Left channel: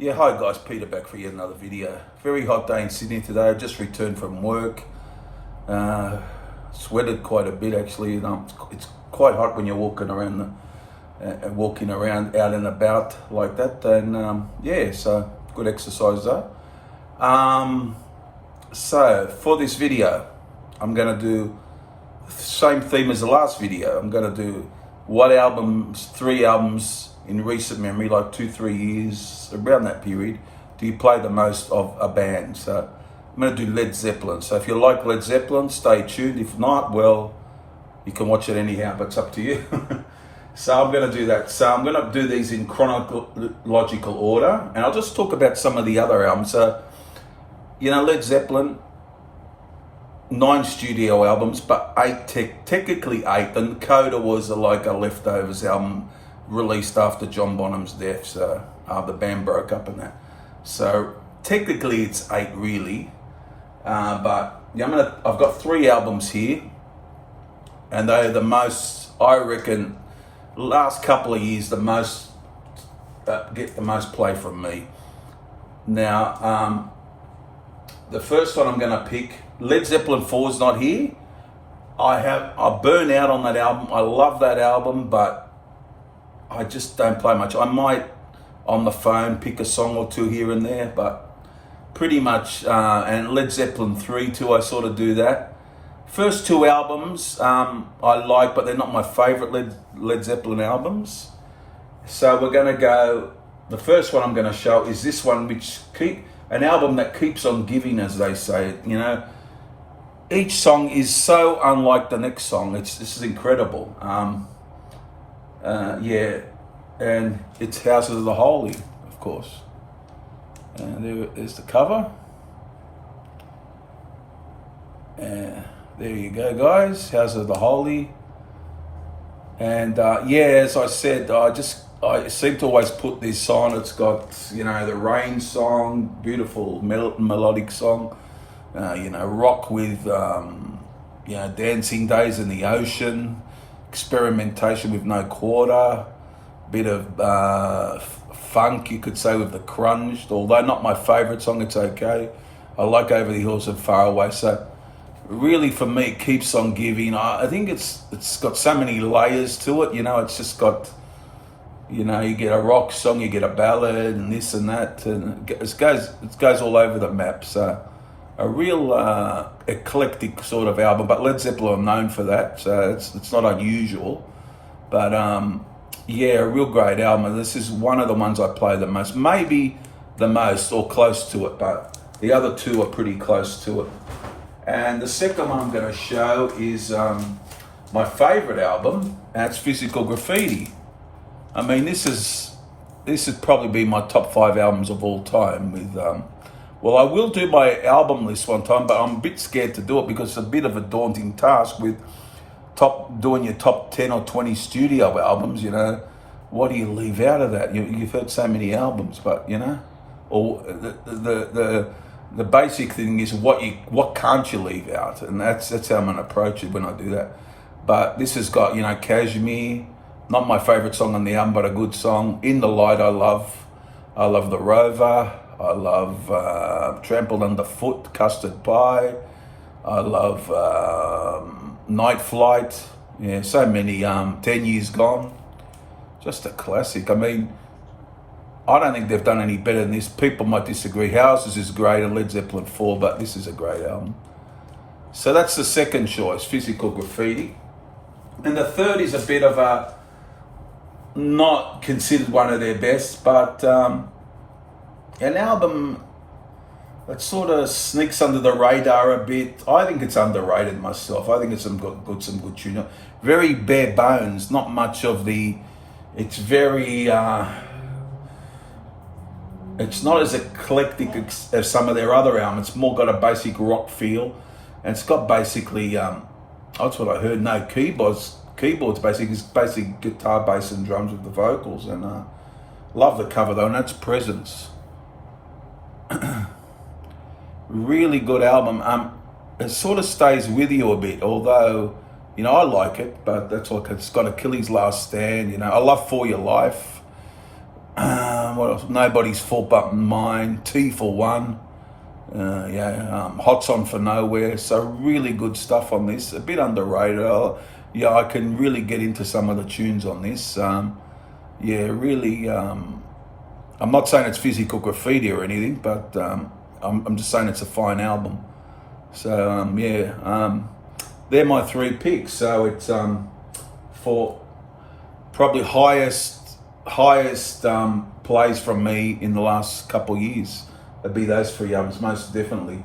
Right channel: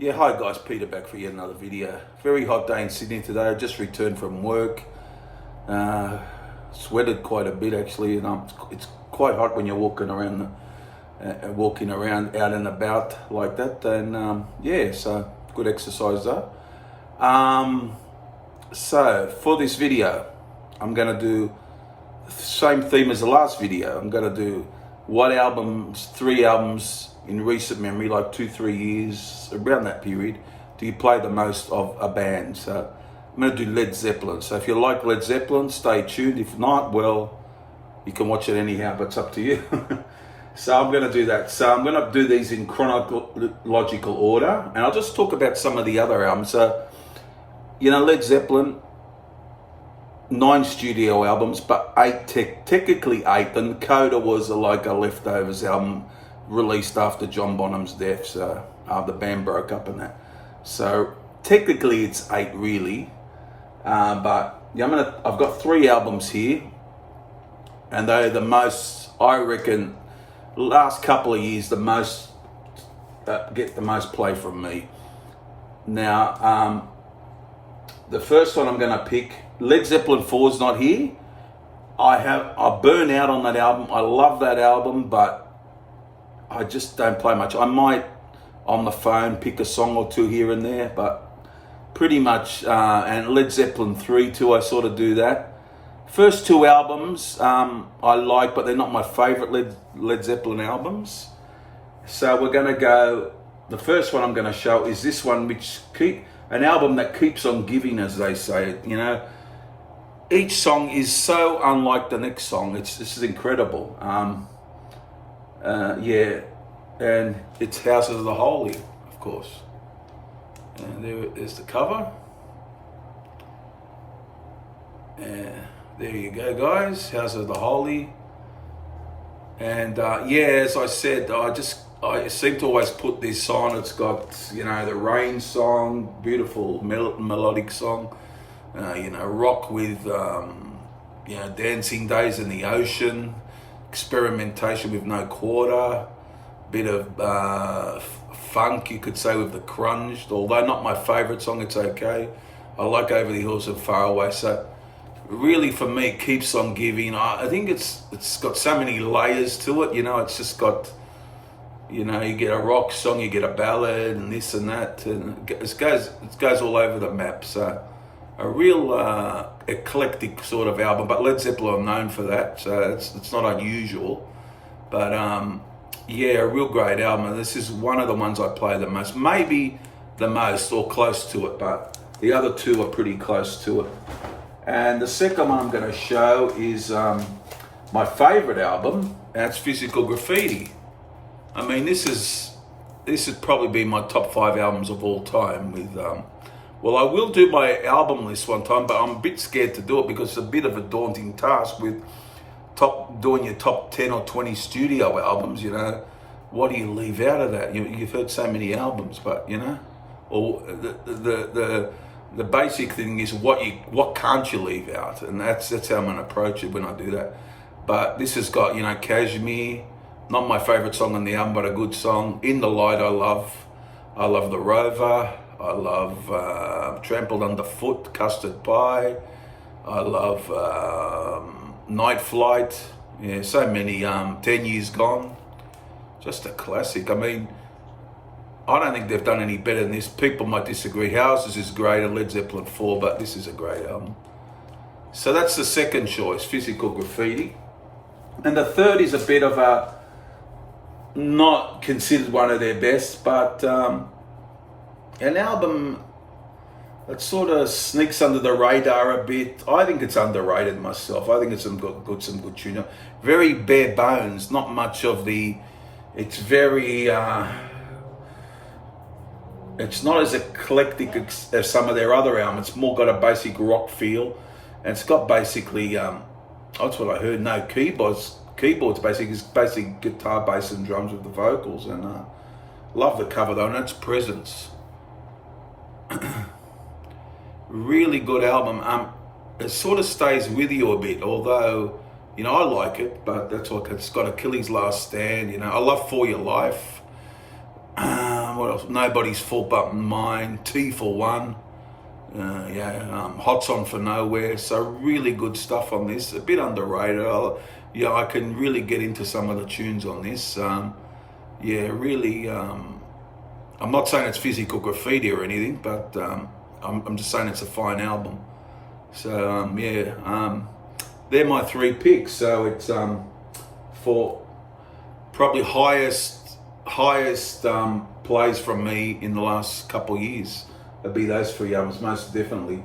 Yeah, hi guys, Peter back for yet another video. Very hot day in Sydney today. I just returned from work. Sweated quite a bit actually. It's quite hot when you're walking around out and about like that. And yeah, so good exercise though. So for this video, I'm gonna do the same theme as the last video. I'm gonna do three albums in recent memory, like 2-3 years, around that period, do you play the most of a band? So I'm going to do Led Zeppelin. So if you like Led Zeppelin, stay tuned. If not, well, you can watch it anyhow, but it's up to you. So I'm going to do that. So I'm going to do these in chronological order, and I'll just talk about some of the other albums. So, Led Zeppelin, 9 studio albums, but technically 8. And Coda was like a leftovers album released after John Bonham's death, so the band broke up and that. So technically it's 8 really, but yeah, I've got 3 albums here, and they're the most, I reckon, last couple of years, the most get the most play from me. Now, the first one I'm going to pick, Led Zeppelin 4 is not here. I burn out on that album. I love that album, but I just don't play much. I might, on the phone, pick a song or two here and there, but pretty much, and Led Zeppelin 3 too, I sort of do that. First 2 albums I like, but they're not my favorite Led Zeppelin albums. So we're going to go, the first one I'm going to show is this one, an album that keeps on giving, as they say. Each song is so unlike the next song. This is incredible. Yeah, and it's Houses of the Holy, of course. And there is the cover. And there you go, guys, Houses of the Holy. And yeah, as I said, I seem to always put this on. It's got, the Rain song, beautiful melodic song. Rock with, Dancing Days in the Ocean. Experimentation with No Quarter, bit of funk, you could say, with the Crunged, although not my favourite song, it's okay. I like Over the Hills and Far Away. So really for me, it keeps on giving. I think it's got so many layers to it, it's just got, you get a rock song, you get a ballad and this and that, and it goes all over the map. So a real eclectic sort of album, but Led Zeppelin are known for that, so it's not unusual. But yeah, a real great album, and this is one of the ones I play the most, maybe the most or close to it, but the other 2 are pretty close to it. And the second one I'm going to show is my favorite album, and it's Physical Graffiti. I mean, this has probably been my top 5 albums of all time with well, I will do my album list one time, but I'm a bit scared to do it because it's a bit of a daunting task with doing your top 10 or 20 studio albums. What do you leave out of that? You've heard so many albums, but or the basic thing is what can't you leave out, and that's how I'm gonna approach it when I do that. But this has got Kashmir, not my favorite song on the album, but a good song. In the Light, I love The Rover. I love Trampled Underfoot, Custard Pie. I love Night Flight. Yeah, so many. 10 Years Gone. Just a classic. I mean, I don't think they've done any better than this. People might disagree. Houses is great and Led Zeppelin 4, but this is a great album. So that's the second choice, Physical Graffiti. And the third is a bit of a, not considered one of their best, but an album that sort of sneaks under the radar a bit. I think it's underrated myself. I think it's some good tune. Very bare bones, not much of the. It's very. It's not as eclectic as some of their other albums. It's more got a basic rock feel, and it's got basically. That's what I heard. No keyboards. Basically, it's basic guitar, bass, and drums with the vocals. And love the cover though, and that's Presence. Really good album. It sort of stays with you a bit, although I like it, but that's like, it's got Achilles' Last Stand. I love For Your Life. What else? Nobody's Fault But Mine. T for One. Hot's On For Nowhere. So really good stuff on this. A bit underrated. I can really get into some of the tunes on this. Really. I'm not saying it's physical graffiti or anything, but I'm just saying it's a fine album. So they're my three picks. So it's for probably highest plays from me in the last couple of years. It'd be those three albums, most definitely.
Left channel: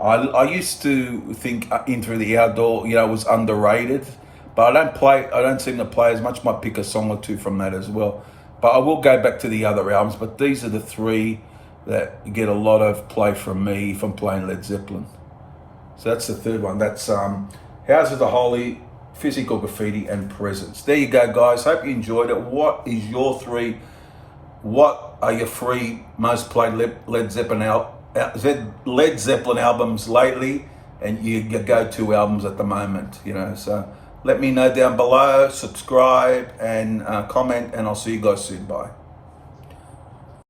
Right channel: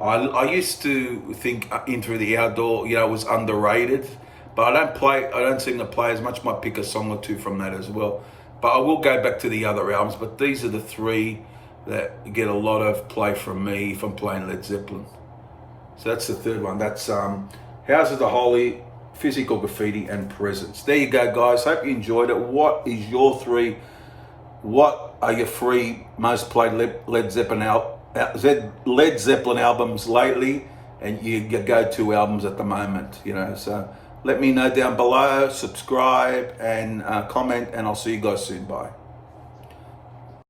I used to think Into the Outdoor, was underrated, but I don't seem to play as much. Might pick a song or two from that as well. But I will go back to the other albums. But these are the three that get a lot of play from me if I'm playing Led Zeppelin. So that's the third one. That's House of the Holy, Physical Graffiti, and Presence. There you go, guys. Hope you enjoyed it. What is your three? What are your three most played Led Zeppelin albums lately, and your go-to albums at the moment? So let me know down below. Subscribe and comment, and I'll see you guys soon. Bye.